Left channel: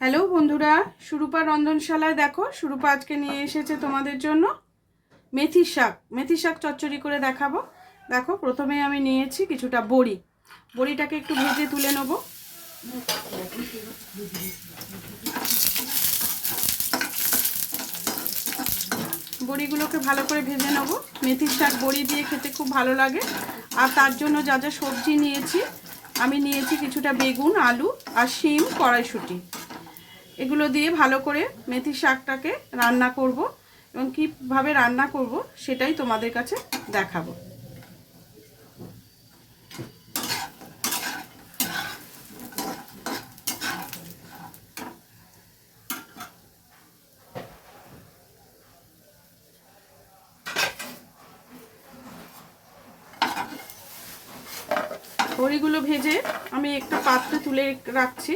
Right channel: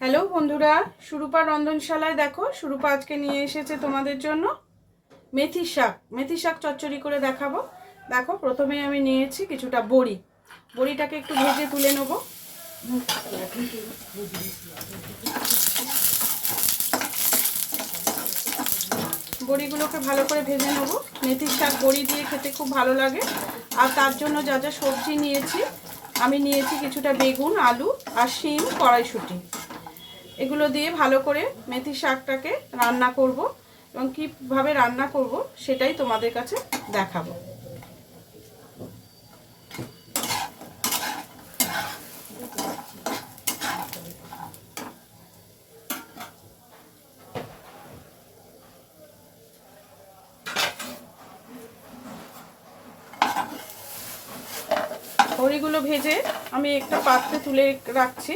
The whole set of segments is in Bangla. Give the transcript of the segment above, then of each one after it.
হ্যালো বন্ধুরা, সুরূপা রন্ধনশালায় দেখো সুরূপা আজকে নিয়ে এসেছে তোমাদের জন্য মেথি শাক চচ্চড়ি করে দেখাবো। দেখো প্রথমে আমি নিয়েছি কিছুটা বড়িটাকে একটু ভেজে তুলে নেব। বড়িগুলোকে ভালো করে ভেজে নেব। মেথির শাক বড়ি দিয়ে খেতে খুব ভালো লাগে। আর তার জন্য যা যা সবজি নিয়েছি, আমি নিয়েছি কিছুটা বেগুন, আলু আর শিম, কড়াইশুঁটি। এগুলো দিয়ে ভালো করে মেথি শাকটাকে রান্না করব এবং কীভাবে রান্না করব সেটাই তোমাদের কাছে দেখাবো। বড়িগুলো ভেজে আমি একটা পাত্রে তুলে রাখছি।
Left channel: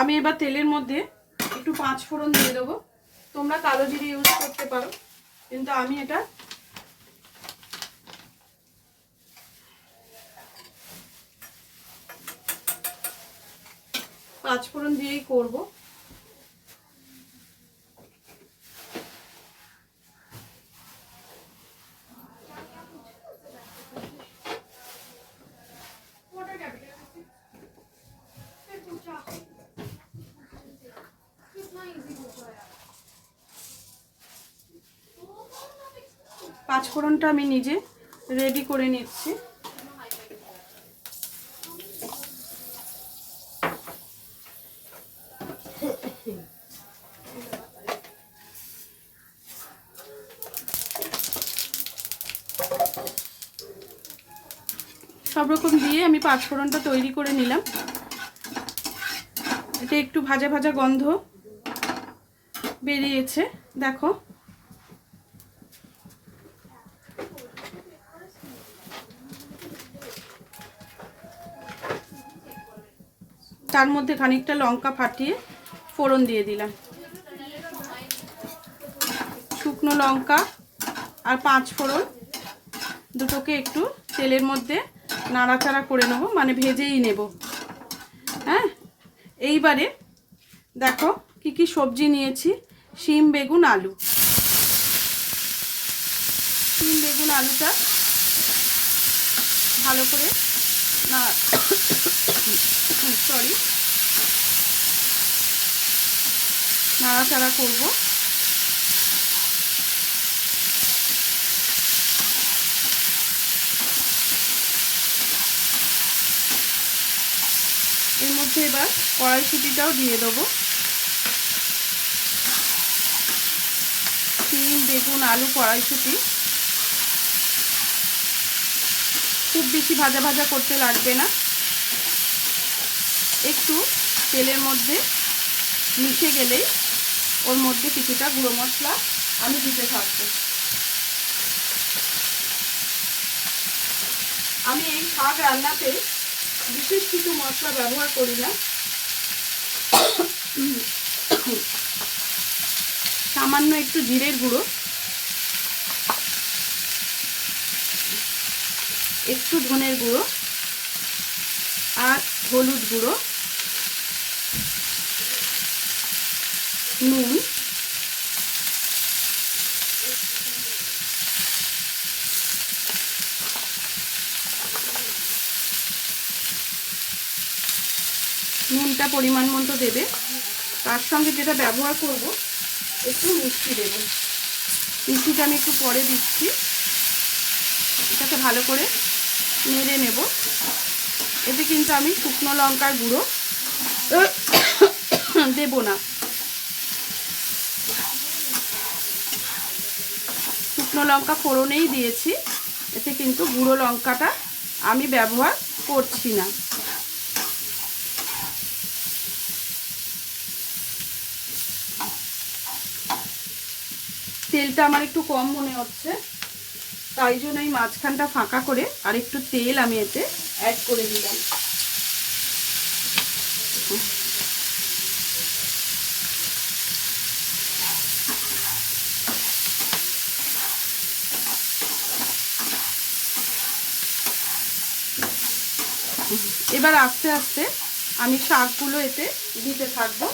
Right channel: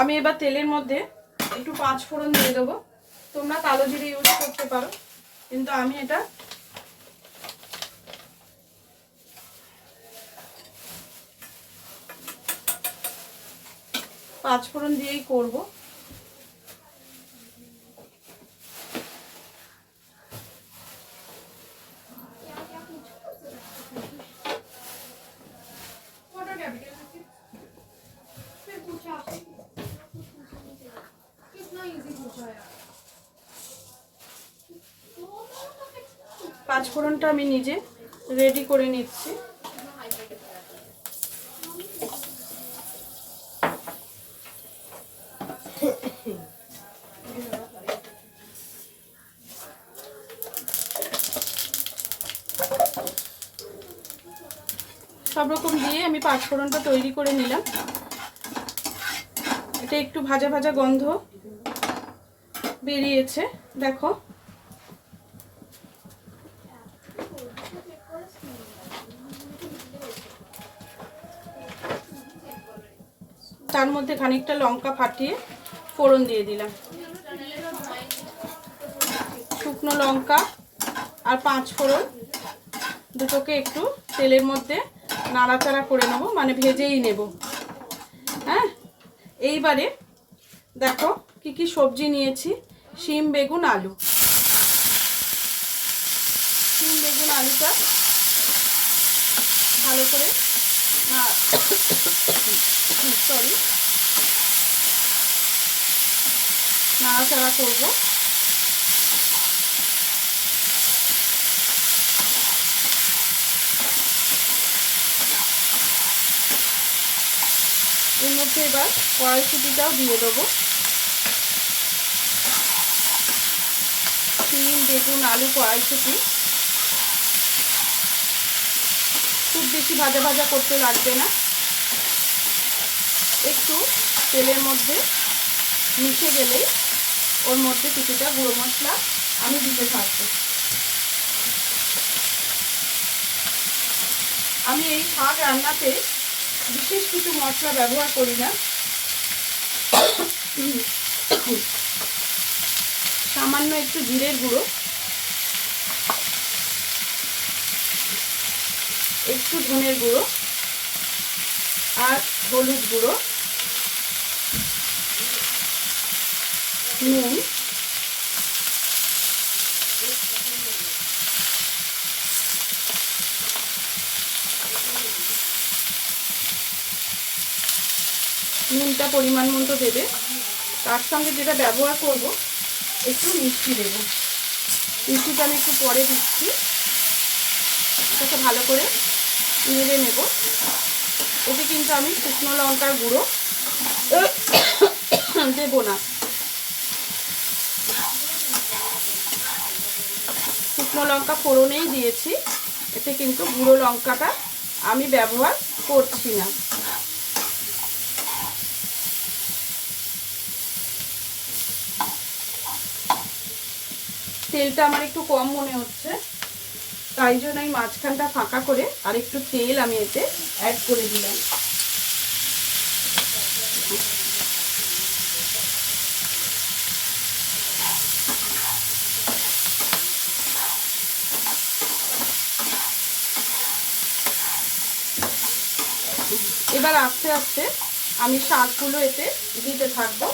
আমি এবার তেলের মধ্যে একটু 5 ফোড়ন দিয়ে দেবো। তোমরা কালো জিরে ইউজ করতে পারো, কিন্তু আমি এটা পাঁচ ফোড়ন দিয়েই করবো। পাঁচফোড়নটা আমি নিজে রেডি করে নিচ্ছি। সব রকম দিয়ে আমি পাঁচফোড়নটা তৈরি করে নিলাম। এটা একটু ভাজা ভাজা গন্ধ বেরিয়েছে, দেখো। তার মধ্যে খানিকটা লঙ্কা ফাটিয়ে ফোড়ন দিয়ে দিলাম। শুকনো লঙ্কা আর 5 ফোড়ন দুটোকে একটু তেলের মধ্যে নাড়াচাড়া করে নেব, মানে ভেজেই নেব। হ্যাঁ, এইবারে দেখো কি কি সবজি নিয়েছি। শিম, বেগুন, আলু। শিম, বেগুন, আলুটা ভালো করে নাড়াচাড়া করব। এর মধ্যে এবার কড়াইশুঁটিটাও দিয়ে দেবো। শিম, বেগুন, আলু, কড়াইশুঁটি খুব বেশি ভাজা ভাজা করতে লাগবে না, একটু তেলের মধ্যে মিশে গেলেই ওর মধ্যে কিছুটা গুঁড়ো মশলা আমি দিতে থাকবো। আমি এই শাক রান্নাতে বিশেষ কিছু মশলা ব্যবহার করি না। সামান্য একটু জিরের গুঁড়ো, একটু ধনের গুঁড়ো আর হলুদ গুঁড়ো, নুন, নুনটা পরিমাণ মতো দেবে। তার সঙ্গে যেটা ব্যবহার করব একটু মিষ্টি দেব। মিষ্টিটা আমি একটু পরে দিচ্ছি। এটাকে ভালো করে নেড়ে নেব। এতে কিন্তু আমি শুকনো লঙ্কার গুঁড়ো দেব না। শুকনো লঙ্কা ফোড়নেই দিয়েছি, এতে কিন্তু গুঁড়ো লঙ্কাটা আমি ব্যবহার করছি না। তেলটা আমার একটু কম মনে হচ্ছে, তাই জন্য এই মাঝখানটা ফাঁকা করে আর একটু তেল আমি এতে অ্যাড করে দিলাম। এবার আস্তে আস্তে আমি শাকগুলো এতে দিতে থাকবো।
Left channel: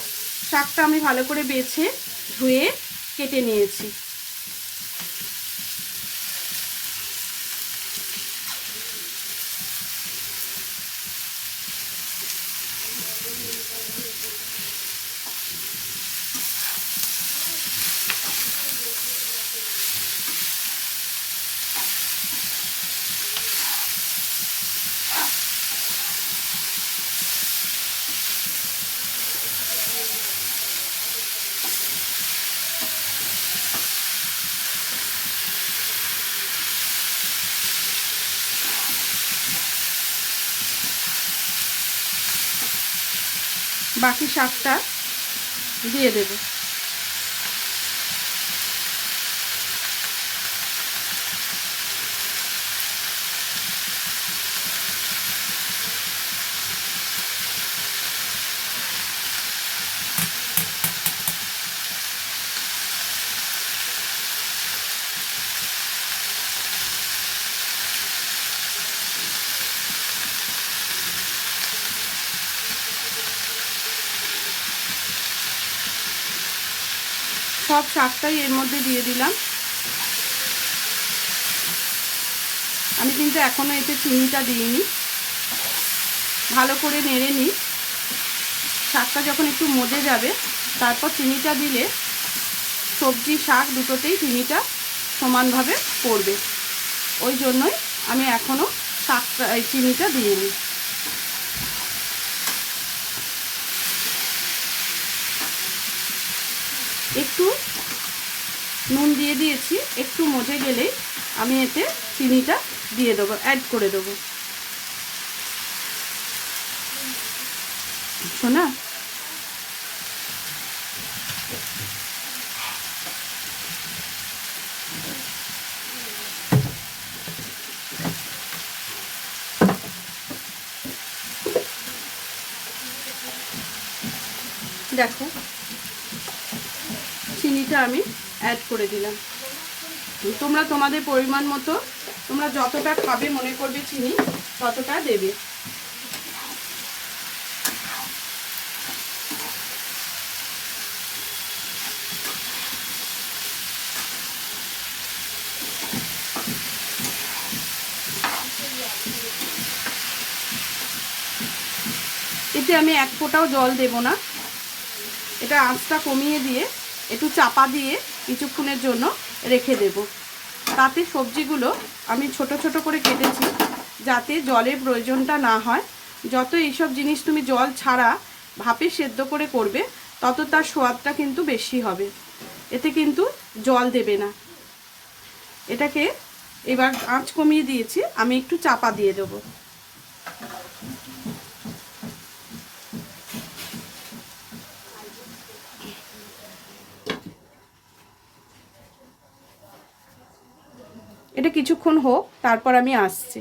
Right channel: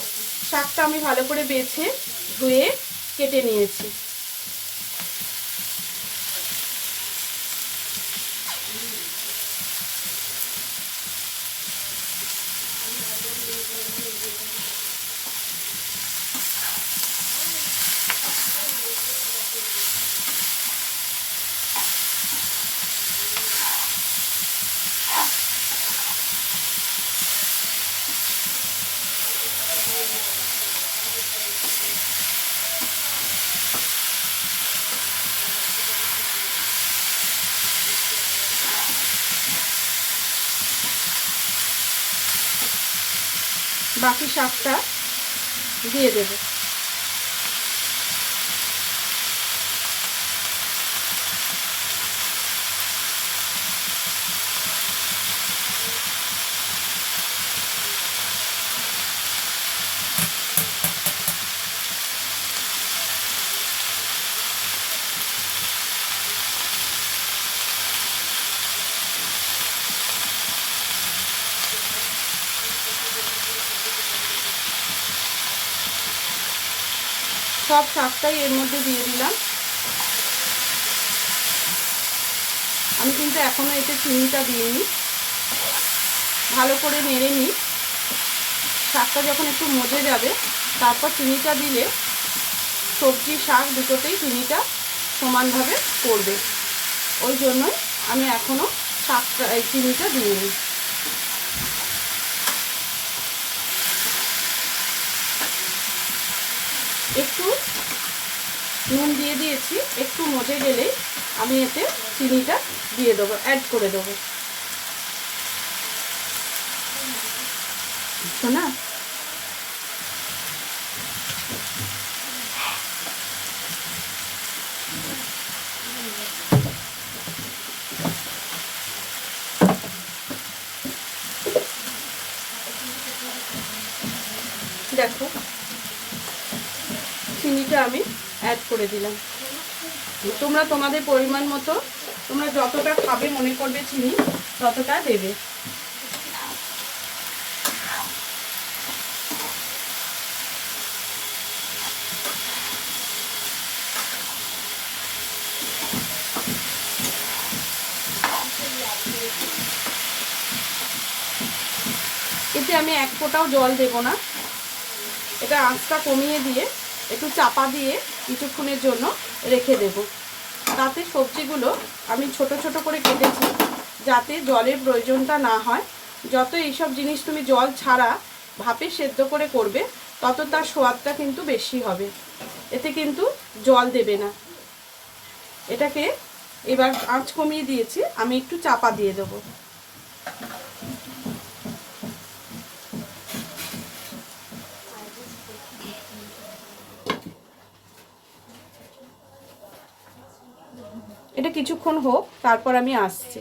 শাকটা আমি ভালো করে বেছে ধুয়ে কেটে নিয়েছি। বাকি শাকটা দিয়ে দেব। সব শাকটাই এর মধ্যে দিয়ে দিলাম। আমি কিন্তু এখনো এতে চিনিটা দিইনি। ভালো করে নেড়ে নিই। শাকটা যখন একটু মজে যাবে তারপর চিনিটা দিলে সবজি শাক দুটোতেই চিনিটা সমানভাবে পড়বে। ওই জন্যই আমি এখনো শাকটা চিনিটা দিইনি। একটু নুন দিয়ে দিয়েছি, একটু মজে গেলেই আমি এতে চিনিটা দিয়ে দেবো, অ্যাড করে দেবো। শোনা, দেখো চিনিটা আমি অ্যাড করে দিলাম। তোমরা তোমাদের পরিমাণ মতো তোমরা যতটা খাবে মনে করবে চিনি ততটা দেবে। এতে আমি এক ফোঁটাও জল দেব না। এটা আঁচটা কমিয়ে দিয়ে একটু চাপা দিয়ে কিছুক্ষণের জন্য রেখে দেব। তাতে সবজিগুলো আমি ছোট ছোট করে কেটেছি যাতে জলের প্রয়োজনটা না হয়। যত এইসব জিনিস তুমি জল ছাড়া ভাপে সেদ্ধ করে করবে তত তার স্বাদটা কিন্তু বেশি হবে। এতে কিন্তু জল দেবে না। এটাকে এবার আঁচ কমিয়ে দিয়েছি, আমি একটু চাপা দিয়ে দেবো। এটা কিছুক্ষণ হোক, তারপর আমি আসছি।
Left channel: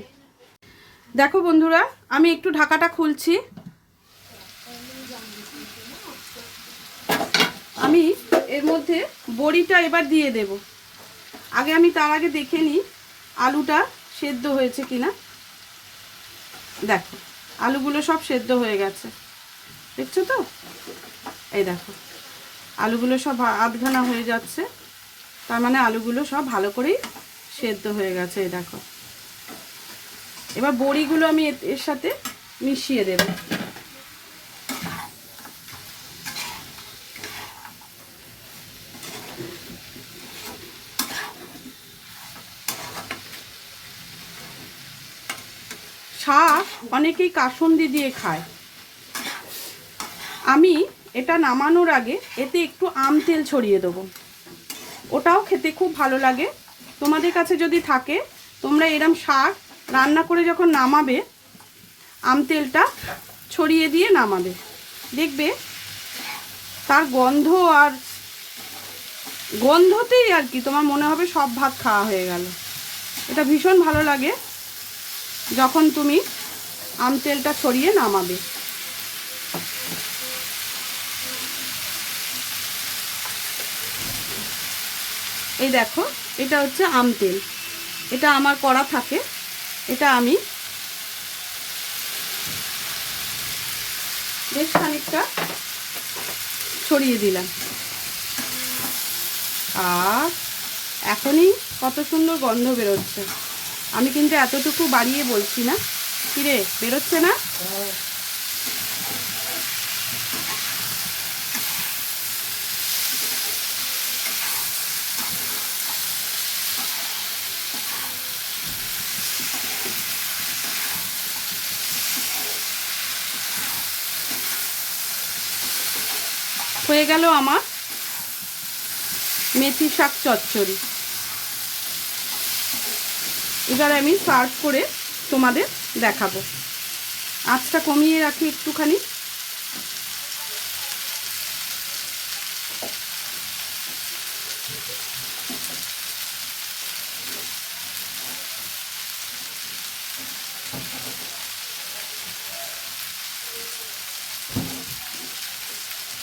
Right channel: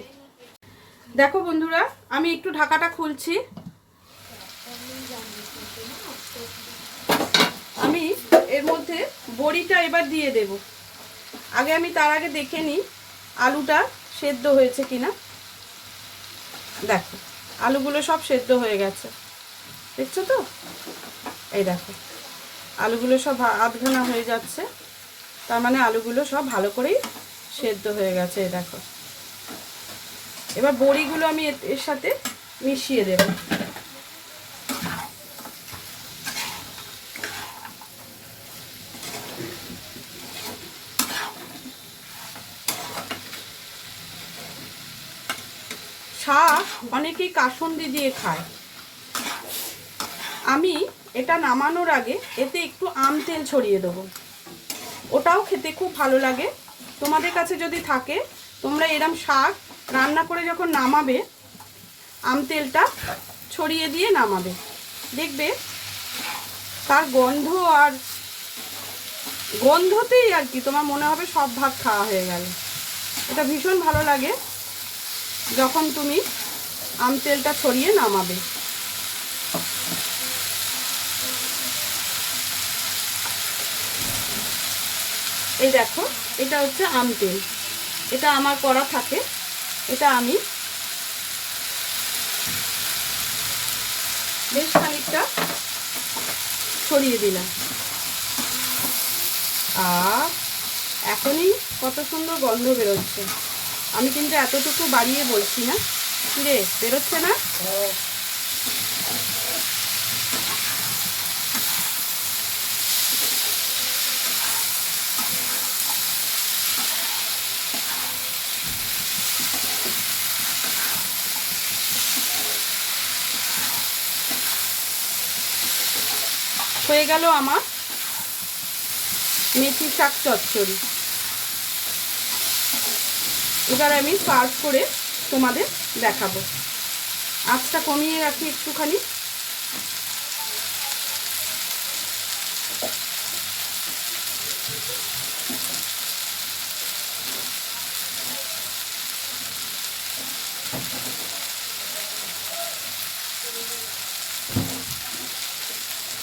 দেখো বন্ধুরা, আমি একটু ঢাকাটা খুলছি। আমি এর মধ্যে বড়িটা এবার দিয়ে দেব। আগে আমি তার আগে দেখে নিই আলুটা সেদ্ধ হয়েছে কিনা। দেখো আলুগুলো সব সেদ্ধ হয়ে গেছে, দেখছো তো? এই দেখো আলুগুলো সব আধঘানা হয়ে যাচ্ছে, তার মানে আলুগুলো সব ভালো করেই সেদ্ধ হয়ে গেছে। এই দেখো, এবার বড়িগুলো আমি এর সাথে মিশিয়ে দেব। শাক অনেকেই কাসুন্দি দিয়ে খায়। আমি এটা নামানোর আগে এতে একটু আম তেল ছড়িয়ে দেবো, ওটাও খেতে খুব ভালো লাগে। তোমাদের কাছে যদি থাকে তোমরা এরম শাক রান্না করে যখন নামাবে আম তেলটা ছড়িয়ে দিয়ে নামাবে, দেখবে তার গন্ধ আর গন্ধতেই আর কি তোমার মনে হবে সব ভাত খাওয়া হয়ে গেল। এটা ভীষণ ভালো লাগে যখন তুমি আম তেলটা ছড়িয়ে নামাবে। এই দেখো এটা হচ্ছে আম তেল, এটা আমার করা থাকে। এটা আমি বেশ খানিকটা ছড়িয়ে দিলাম। আর এখনই কত সুন্দর গন্ধ বেরোচ্ছে। আমি কিন্তু এতটুকু বাড়িয়ে বলছি না। কিরে, বেরোচ্ছে না? হয়ে গেল আমার মেথি শাক চচ্চড়ি। এবার আমি সার্ভ করে তোমাদের দেখাবো। আঁচটা কমিয়ে রাখি একটুখানি।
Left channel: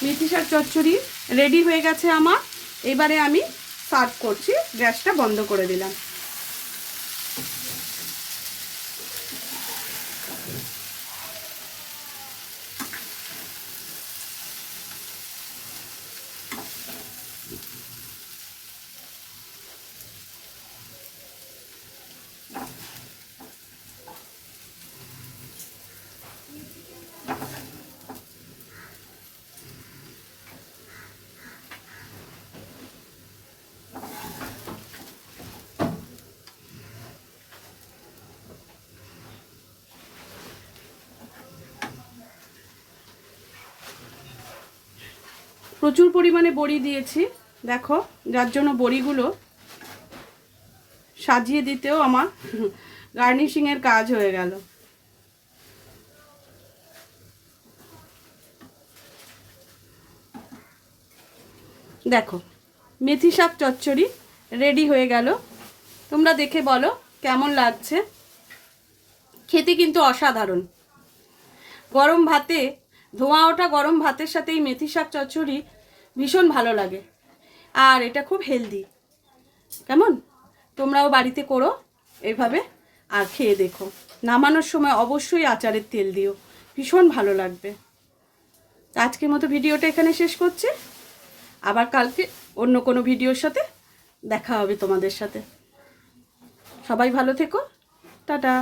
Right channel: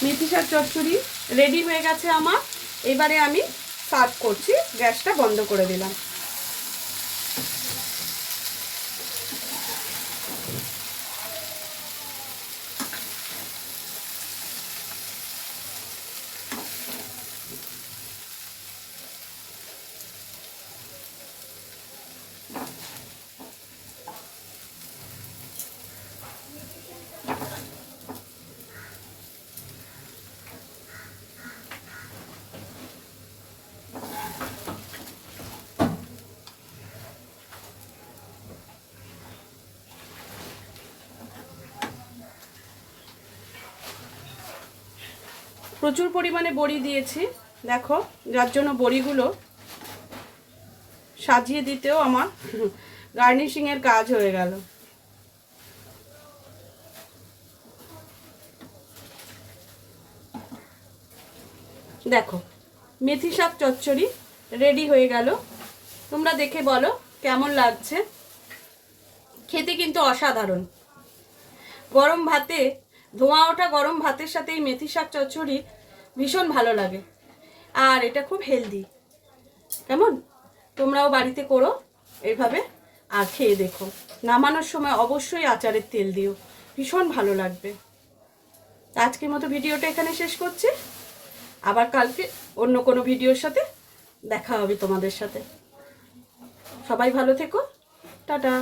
মেথি শাক চচ্চড়ি রেডি হয়ে গেছে আমার। এবারে আমি সার্ভ করছি। গ্যাসটা বন্ধ করে দিলাম। প্রচুর পরিমাণে বড়ি দিয়েছি, দেখো, যার জন্য বড়িগুলো সাজিয়ে দিতেও আমার গার্নিশিংয়ের কাজ হয়ে গেল। দেখো, মেথি শাক চচ্চড়ি রেডি হয়ে গেল। তোমরা দেখে বলো কেমন লাগছে। খেতে কিন্তু অসাধারণ। গরম ভাতে, ধোঁয়া ওঠা গরম ভাতের সাথে এই মেথি শাক চচ্চড়ি ভীষণ ভালো লাগে। আর এটা খুব হেলদি। কেমন? তোমরাও বাড়িতে করো এইভাবে আর খেয়ে দেখো। নামানোর সময় অবশ্যই আচারের তেল দিও, ভীষণ ভালো লাগবে। আজকের মতো ভিডিওটা এখানে শেষ করছি। আবার কালকে অন্য কোনো ভিডিওর সাথে দেখা হবে তোমাদের সাথে। সবাই ভালো থেকো। টাটা।